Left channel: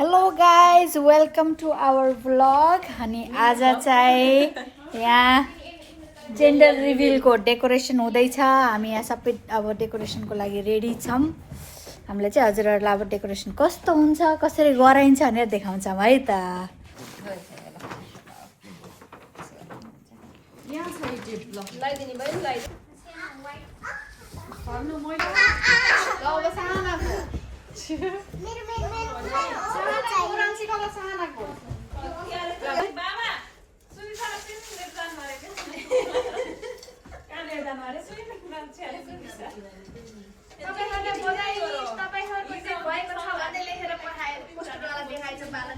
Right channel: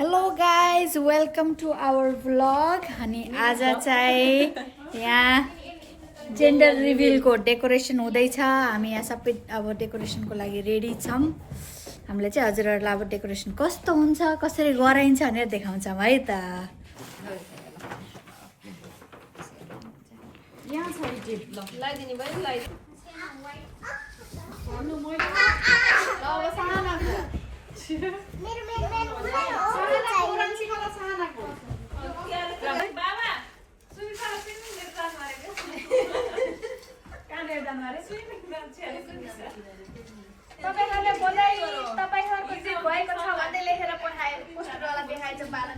Hello guys welcome to our blog. अनि आज चाहिँ यहाँ जेन्डर रिभिलको डेकोरेसन हुँदैछ। हामी यहाँ सबै अब डेकोरेसनको लागि रेडी छौँ। हामीले चाहिँ हजुरहरूलाई अब डेकोरेसन कस्तो हुन्छ कसरी गराइन्छ भनेर देखाउँछौँ है त।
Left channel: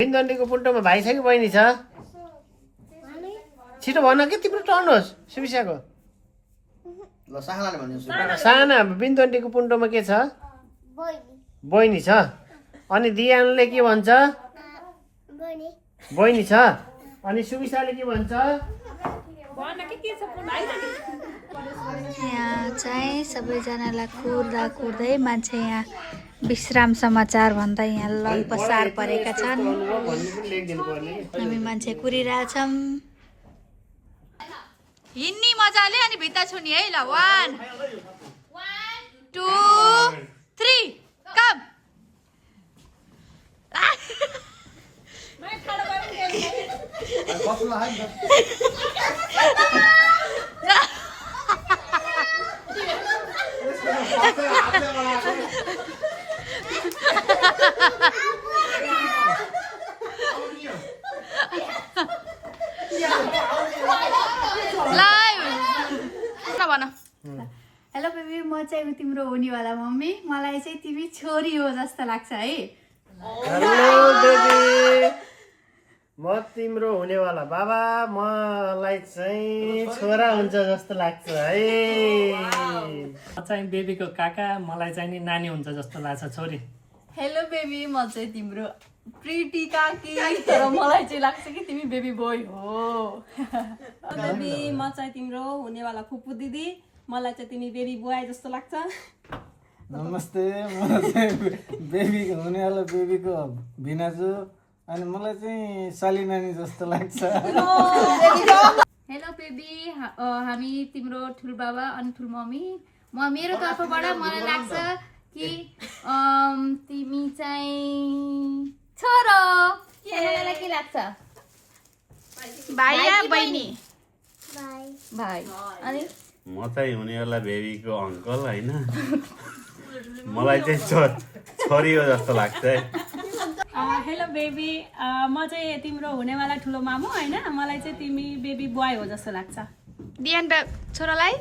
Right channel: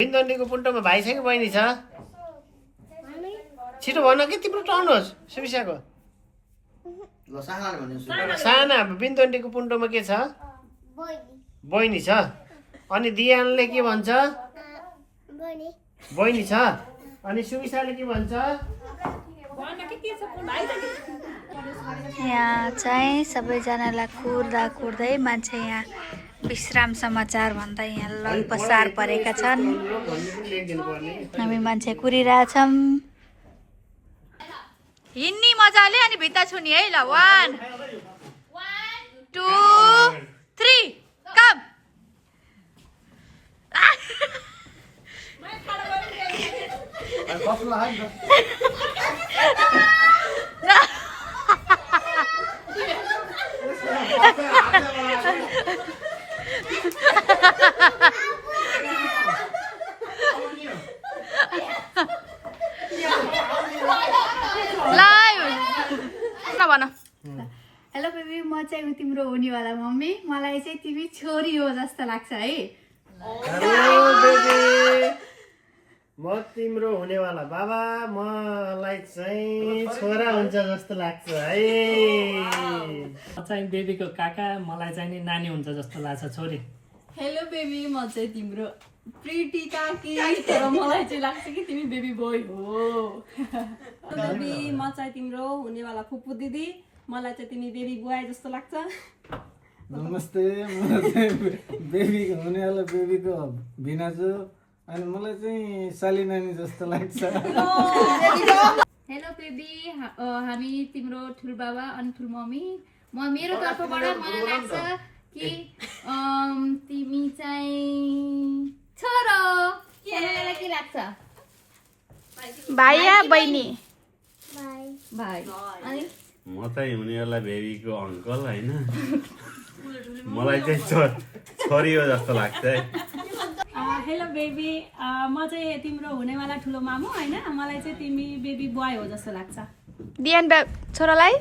बिन्दन्दीको पुन्टोमा भाइ छ कि बहिनी छ? छिटो भन के तिम्रो टर्न होस्। सुबिसाको साना बिन्दन्दीको पुन्टोमा के छ? बहिनी छ। अनि दियानले के भन्छ? बहिनी छ। अनि सुबिसाले के भन्छ? यहाँ चाहिँ सबैजनालाई कुर्दा कुर्दै मान्छे यहाँ विश्राम समाचार भन्दा यहाँ ललपसार परेका छन्। हामी मान्छे कुरिरहेछौँ। हिँड्नी मजाले अनि भित्ता छुनी है ल। 1 2 3 कम। हेलो बेबी, म चाहिँ तिम्रो हुनेवाला मम्मी। मलाई चाहिँ तिमी छोरी हो जस्तो लाग्छ है। हेलो बेबी, म तिम्रो हुनेवाला बाबा। मलाई चाहिँ छोरा हुन्छ जस्तो लाग्छ है। म चाहिँ बेबीको काका। मलाई चाहिँ नि नानी हुन्छ जस्तो लाग्छ छोरी। हेलो बेबी, म चाहिँ तिम्रो प्रिटी काकी, तर मलाई चाहिँ लाग्छ कि तिमी बेबी बोय हो। बेबी, म चाहिँ तिम्रो हुनेवाला फुपू दिदी। मलाई चाहिँ तिमी बेबी बोय जस्तो लाग्छ। नमस्ते, मलाई चाहिँ बेबीको हुनेवाला बेबीको भिनाजु। अनि मलाई चाहिँ साली नानी जस्तो लाग्छ। हेलो बेबी, हामी तिम्रो ठुलबाबा अनि ठुलमम्मी। मेरो तर्फबाट मलाई लाग्छ कि तिमी चाहिँ छोरो। सानालाई के लाग्छ? भाइ या बहिनी? भाइ। अनि म चाहिँ हुनेवाला बेबीको अङ्कल होइन। मलाई चाहिँ छोरी हो जस्तो लाग्छ है। हेलो बेबी, म चाहिँ तिम्रो हुनेवाला ठुलो मामु होइन। मलाई चाहिँ तिमी बेबी बोय हो जस्तो लाग्छ। दियान छोरालाई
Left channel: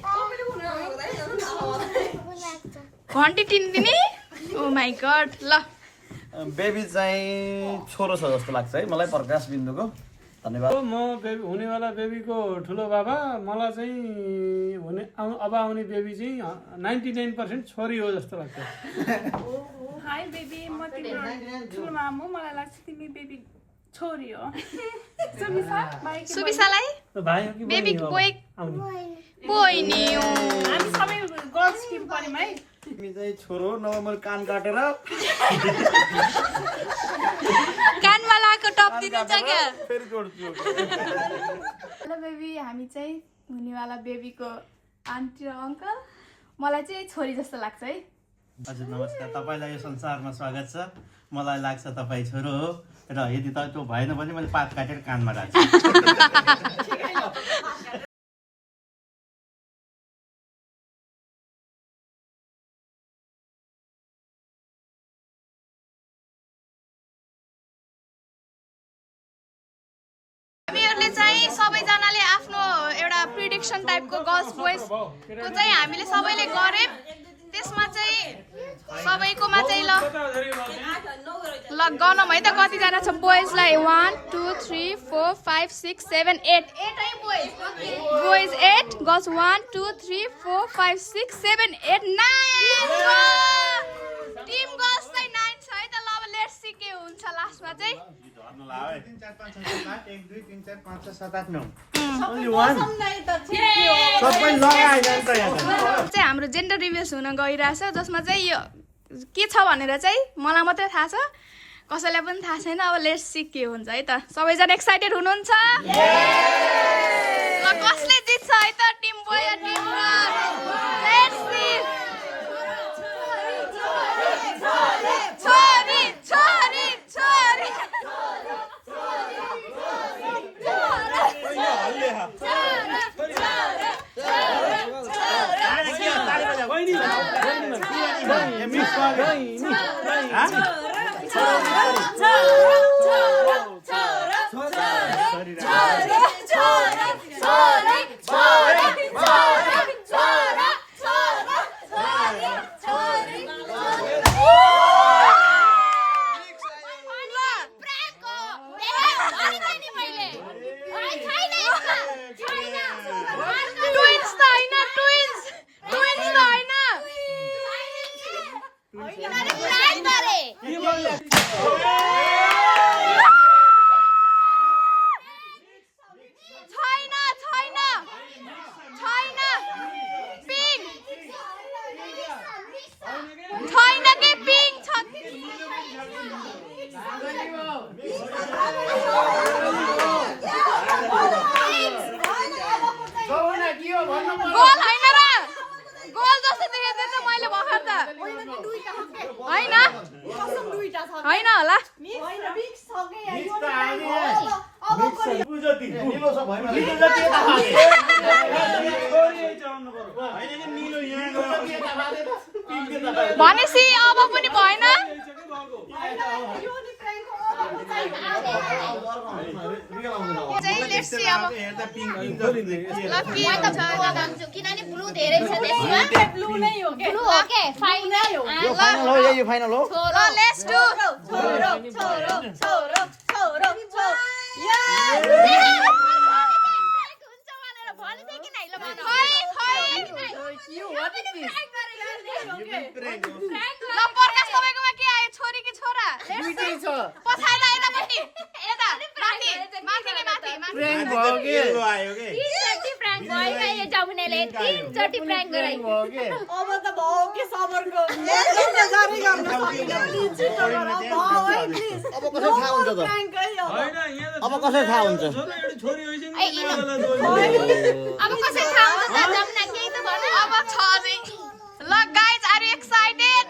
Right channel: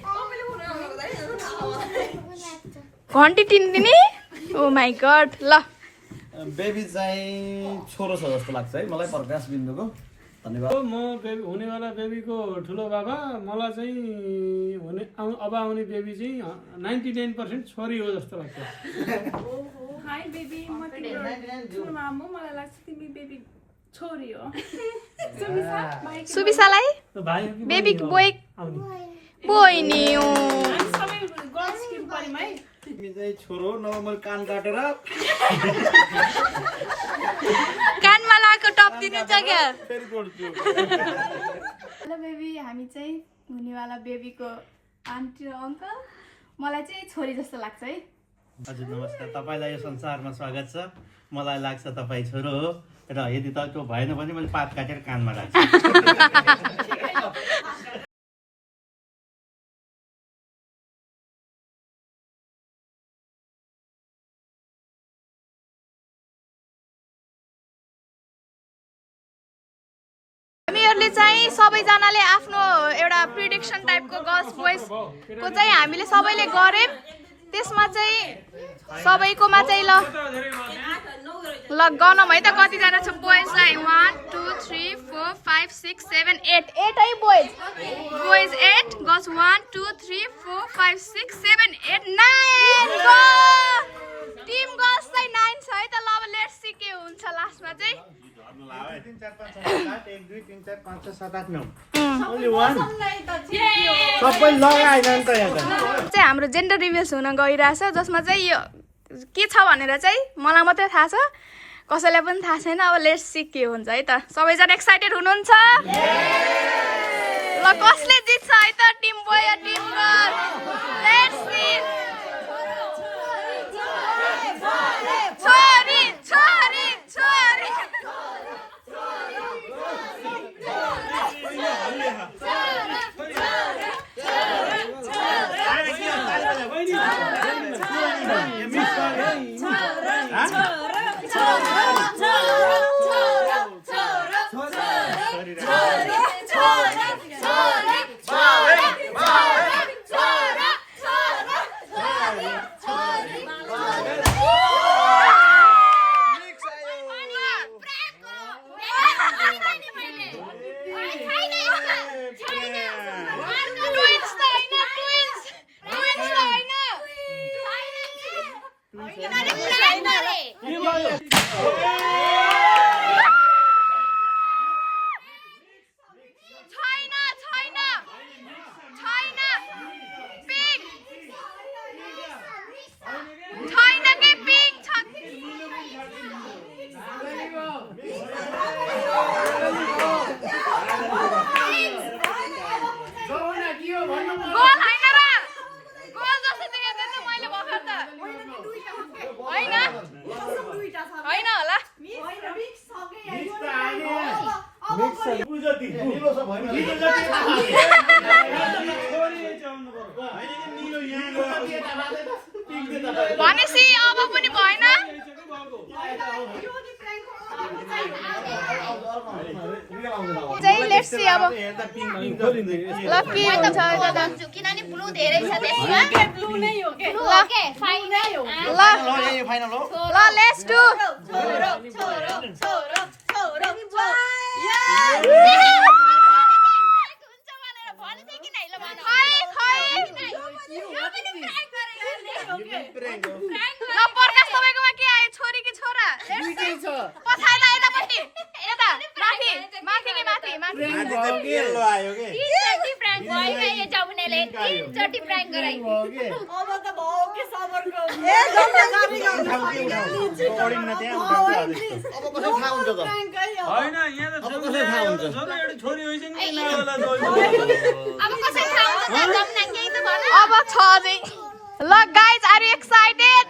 घन्टी टिन्दिने? ओ माई गड। ल बेबी चाहिँ छोरो छ जस्तो लाग्छ है मलाई। प्रकाश बिन्दुको धन्यवाद। म हुनेवाला बेबीको ठुलो बाबा। मलाई चाहिँ अब आउने बेबी चाहिँ 99% छोरी हो जस्तो लाग्छ। हाई बेबी, म तिम्रो ठुलो मामु। मलाई लाग्छ तिमी बेबी छोरी हो। सुबिसालाई भाइ हो कि बेबी बहिनी हो? बोय बहिनी हो। हामी सबै गर्ल्स टिम पऱ्यौँ है। तिमी चाहिँ छोरो नभए मैले कान काटेर कानमा लाएको टप दिन्छ क्या। फेरि जोड्छु। हेलो बेबी, हामी चाहिँ हुनेवाला बेबीको आन्टी र अङ्कल। मलाई चाहिँ छोरी जस्तो लाग्छ है। हजुर नमस्कार, तपाईँलाई यो संसारमा स्वागत छ। मलाई लाग्छ तपाईँ छोरो हो र यदि त्यो भएन भने मैले पात काटेर कानमा राख्छु। हामीहरूले चाहिँ सबैजनाले आफ्नो एउटा प्रिडिक्सन टाइपको गर्ल्स बोइजको चाहिँ हामीले सबैले गऱ्यौँ। त्यसमा चाहिँ सबैकोमा चाहिँ ल गनौँ है त कतिजना छ बोइजलाई। 1 2 3 4 5 6 7 8 है बोइज। 8 गर्ल्स 1 2 3 4 5 6 7 8 9 टिम गर्ल्स चाहिँ 9 छ है त। ल अब लेट्स सी के हुन्छ लास्टमा चाहिँ। 3 4 5 6 7 8 1 2 3 4 5 6 7 8 9 ओन्ली 1 सबै लगाइरहन्छ यहाँ त। चाहिँ हाम्रो जेन्डर रिभ्युज हुन गइरहेछ, जसमा चाहिँ यो के छ भनेर चाहिँ मलाई मात्रै थाहा छ। कसैलाई पनि थाहा छैन अब लेट्स सी के हुन्छ है त सबैजना एक्साइटेड हुनुहुन्छ ल कसले जित्छ है त टिम बोय या टिम गर्ल लेट्स सी छोरी छोरी छोरी भनेपछि अब पनि भएन चाहिँ लेट्स सी अब ल के हुन्छ दादा किनभने ब्लू धेरै छ त्यसमा ब्लू नै हो के ओके फाइनल हो यो फाइनल हो ल लेट्स डु ल प्रकाश तपाईकोमा के आयो छोरी कि छोरा दुईटै छ पछाडि यतापट्टि यता माथि माथि के माथि माथि प्र्याङ्क भयो के आयो के एकचोटि प्राङ्क भयो यो जमुनाले एकचोटि प्राङ्क गरे भयो के होइन यहाँ अब कसरी थाहा हुन्छ छोरी होइन अब कसै थाहा हुन्छ जमुना केही त भन अब छ चाहिँ ल गाइज आर यु एक्साइटेड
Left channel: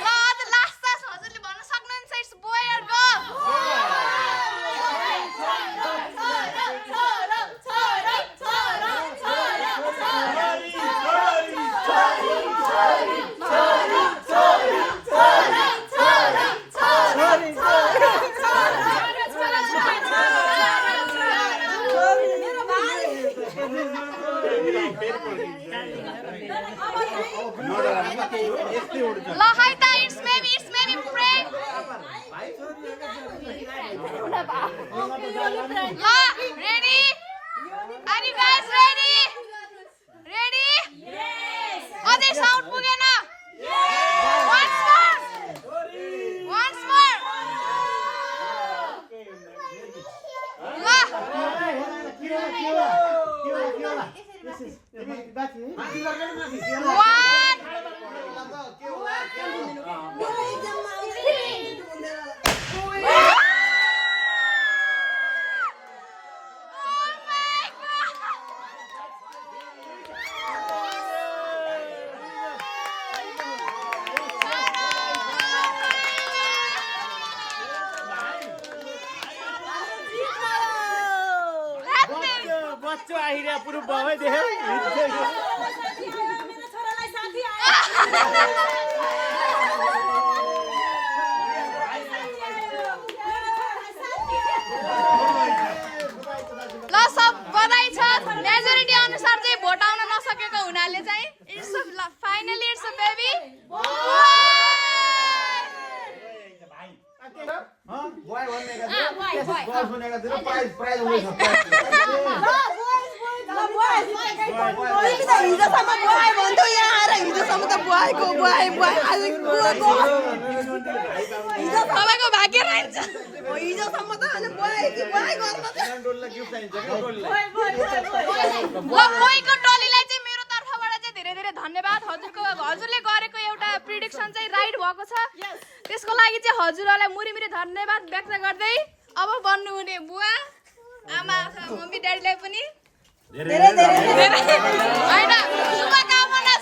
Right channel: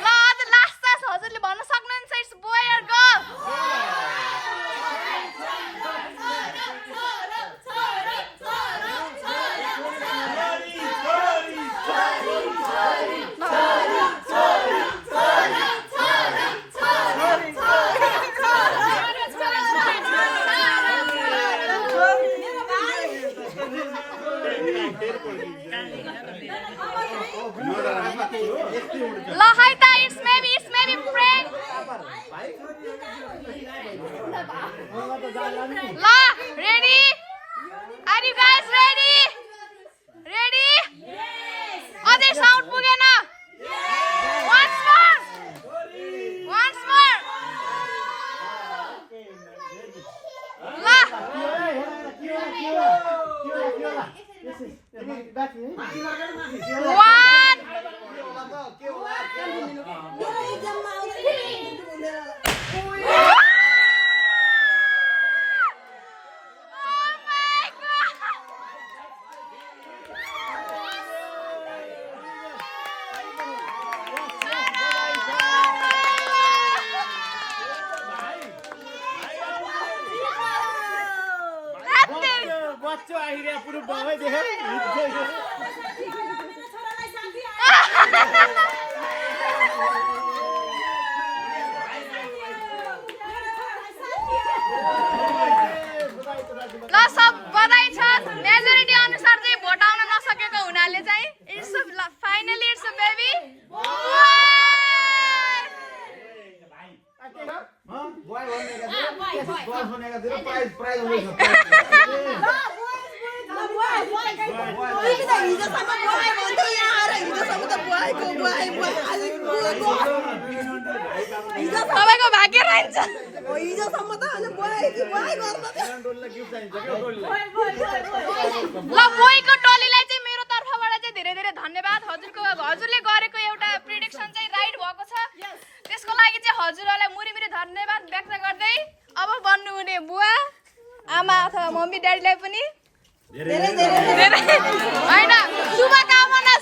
ल अझ लास्ट छ हजुरले भन्न सक्नुहुन्छ इट्स बोय अर गर्ल ल है त इट्स मेबी प्रेङ्क ल ready are you guys ready अझै साउन्ड पुगेन once more बच्चो आइरा पुरो बाबै देख्यो ल सब बधाई छ मेजोरिटी अनुसार चाहिँ भोट आउन नसकेको हुनाले चाहिँ it's finally it's a baby boy भनेको गर्ल्स भनेको थियो प्राइज हुँदैछ तपाईँको भाग्य रहन्छ ल बोयको टोलीलाई चाहिँ मेरो तर्फबाट चाहिँ धेरै धेरै धन्यवाद हजुरले गरेको एउटा प्रिडिक्सन चाहिँ राइट भएको छ त्यसको लागि चाहिँ हजुरहरूलाई मुरी धन्यवाद व्यक्त गर्दै अब बन्नुहुने बुवा आमा अथवा मम्मी ड्याडीलाई पनि धेरै होइन शुभकामना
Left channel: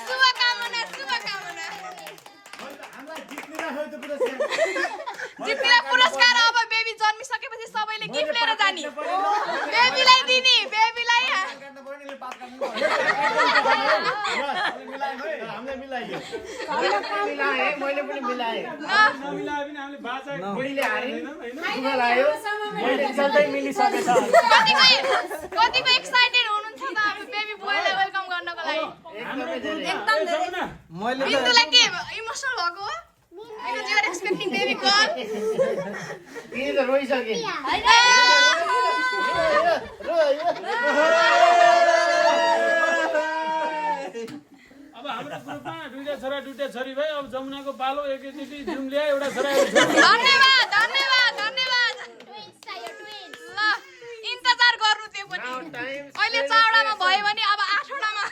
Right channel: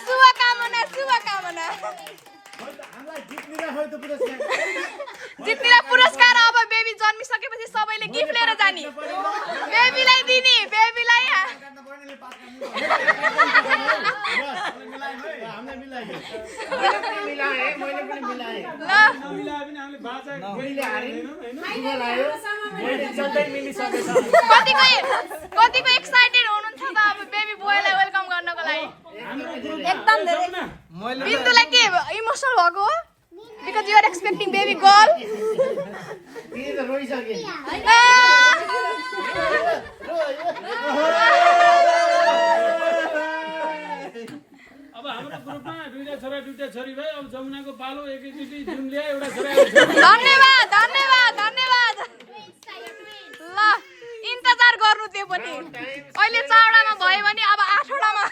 जित्ने पुरस्कार अब बेबी जन्मिसकेपछि सबैले गिफ्ट लिएर जाने बेबीलाई दिने बेबीलाई कतिको एक्साइटेड हुनुहुन्छ त अब बेबी बोयलाई वेलकम गर्नको लागि बिन्दुलाई के इमोसनल भएको हो because you are expecting baby girl अब हाम्रो ग्रुपमा दुईटा छोरा दुईटा छोरी भयो अब जमुनाको पालो एकैचोटि जुम ल्याए एउटा छोरा धन्यवाद ल इन्तजार गर्नु त्यो पनि अहिले 4वटामा भयो भने अब 8वटामा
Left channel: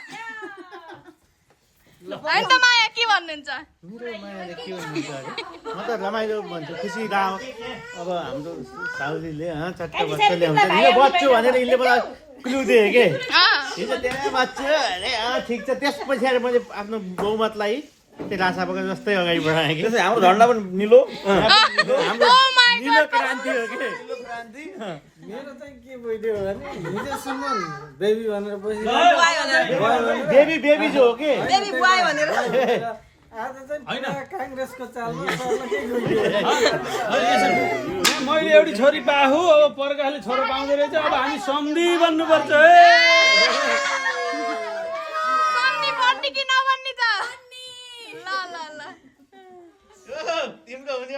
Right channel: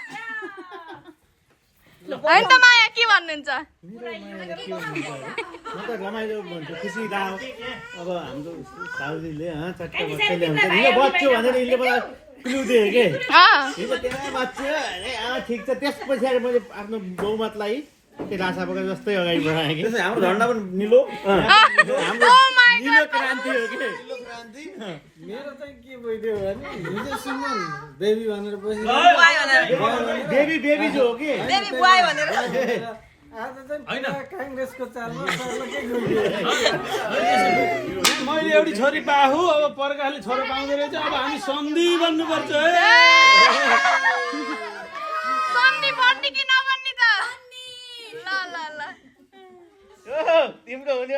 होइन त माया के भन्नुहुन्छ मेरो मायाले के भन्नुहुन्छ अरे म त रमाइलो भन्छु खुसी दाओ अब हाम्रो साउजीले चट्ट बच्चा ल्याउँछ यो बच्चो भनेर यसले मलाई क्लु दिए के हिजो त्यहाँ बच्चो अरे ठिक छ त्यस पछाडि मैले आफ्नो बहुमतलाई त्यो रासापका जस्तै अगाडि बढाएँ कि हाम्रो झन्डा पनि निलो हाम्रो निलो क्रान्ति हो कि मेरो चाहिँ के भइदियो भने हिजोसम्म बेबी भनेर बसिरहेको बेबी जो हो कि आज चाहिँ पुरा काङ्ग्रेसको चालमा सर्न के गइदियो मैले एउटी छोरी पाहु अब पर्खाले छोरो पाउँदो रहेछ अब हामी सन्धि बन्नुपर्छ सन्धि भन्ने कि नभन्ने त ल तिम्रो हुने